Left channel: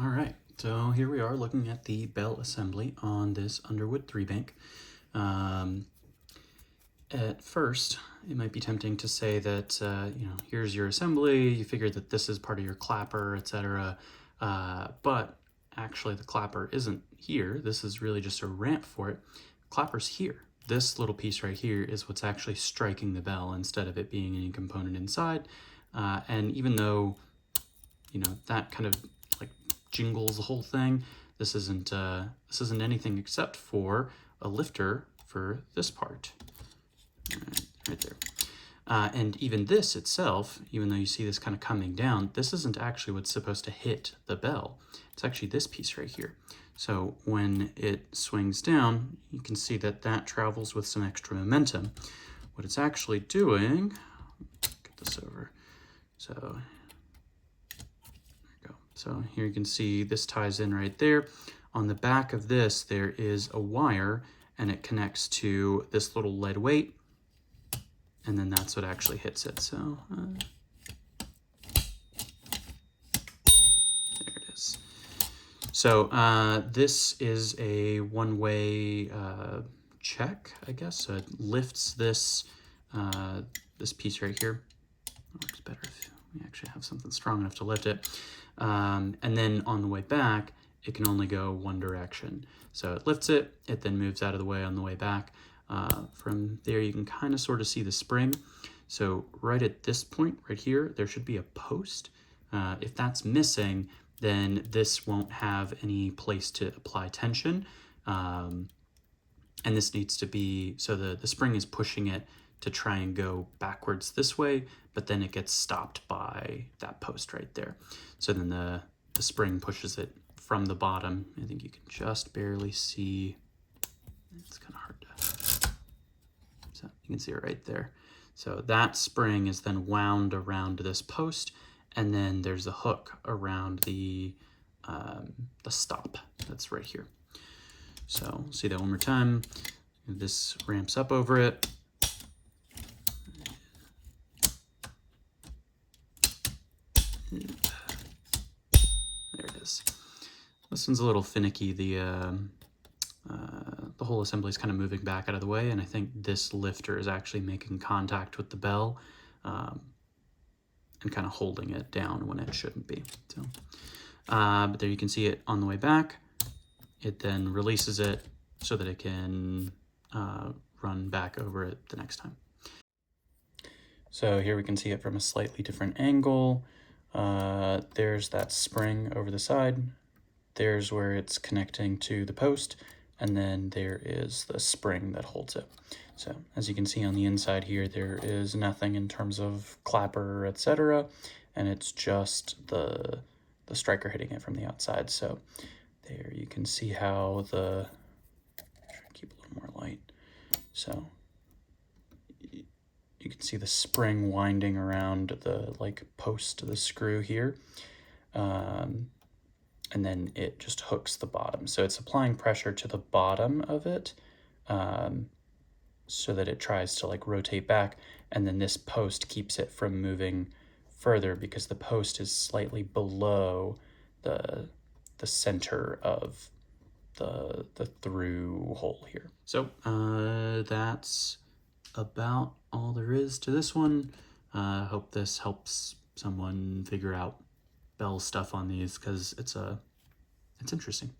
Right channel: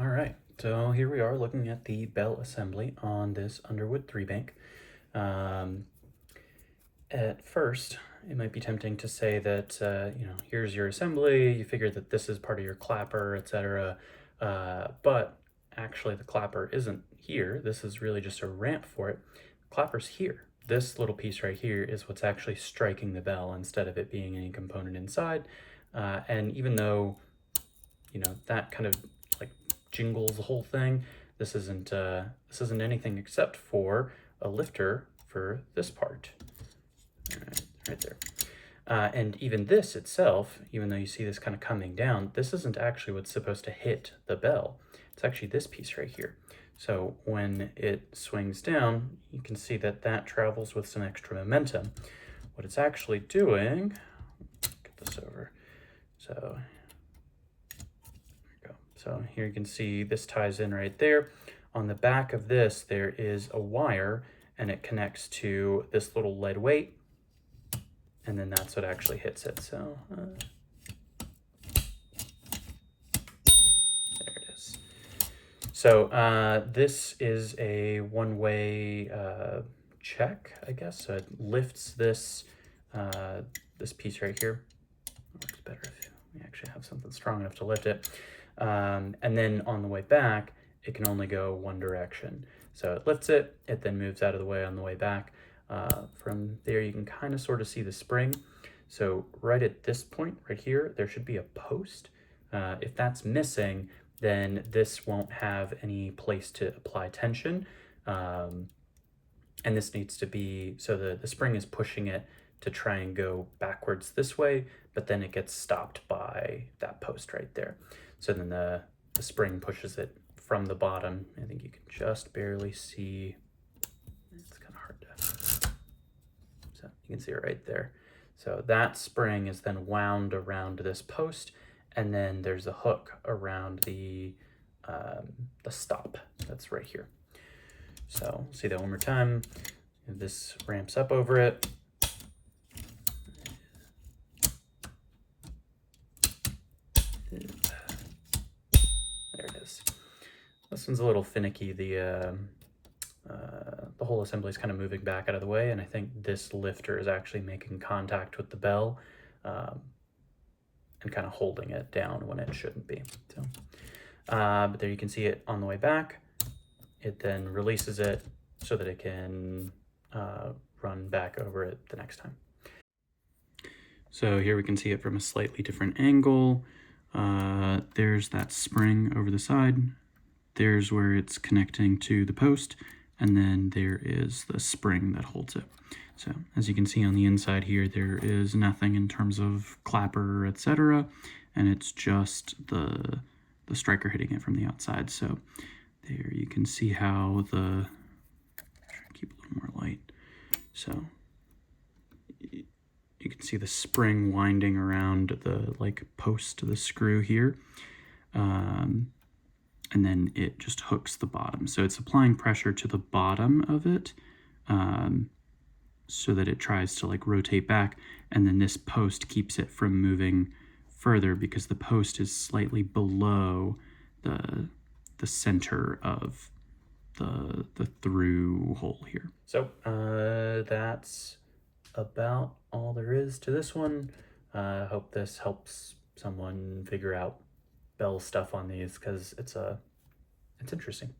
All right, so here we are looking at the bell assembly on this Underwood 3-bank. At first, it might be tempting to say that, here's your assembly, you figure that this is part of your clapper, etc. But actually the clapper isn't here. This is really just a ramp for it. The clapper's here. This little piece right here is what's actually striking the bell instead of it being any component inside. And even though, that kind of like jingles the whole thing, this isn't anything except for a lifter for this part. Right there. And even this itself, even though you see this kind of coming down, this isn't actually what's supposed to hit the bell. It's actually this piece right here. So when it swings down, you can see that that travels with some extra momentum. What it's actually doing, get this over. So there we go. So here you can see this ties in right there. On the back of this, there is a wire, and it connects to this little lead weight, and then that's what actually hits it. So there it is. So this is a one-way check, I guess. So it lifts this this piece right here. It works better if we actually have something strong enough to lift it. And then on the way back, it can only go one direction. So it lifts it, it then moves out of the way on the way back. From there, you can kind of sort of see the spring. So right at this point, right here, there should be a post. If that's missing, then this won't have any place to apply tension. And this needs to be, so the spring is pushing it to try and go backwards this way, but then it gets stopped by that post right there. So then the spring pushes it from the bottom. I think you can just barely see, it's kind of hard to, so you can see it right there. So that spring is then wound around this post, and then there's a hook around the stop that's right here. So see that one more time. This ramps up over it. There it is. This one's a little finicky. The whole assembly is kind of moving back out of the way, and I think this lifter is actually making contact with the bell and kind of holding it down when it shouldn't be. So, but there you can see it on the way back. It then releases it so that it can run back over it the next time. So here we can see it from a slightly different angle. There's that spring over the side. There's where it's connecting to the post, and then there is the spring that holds it. So as you can see on the inside here, there is nothing in terms of clapper, etc., and it's just the striker hitting it from the outside. So there you can see how the, keep a little more light. So you can see the spring winding around the post of the screw here. And then it just hooks the bottom. So it's applying pressure to the bottom of it so that it tries to rotate back. And then this post keeps it from moving further because the post is slightly below the center of the through hole here. So that's about all there is to this one. Hope this helps someone figure out bell stuff on these, because it's interesting.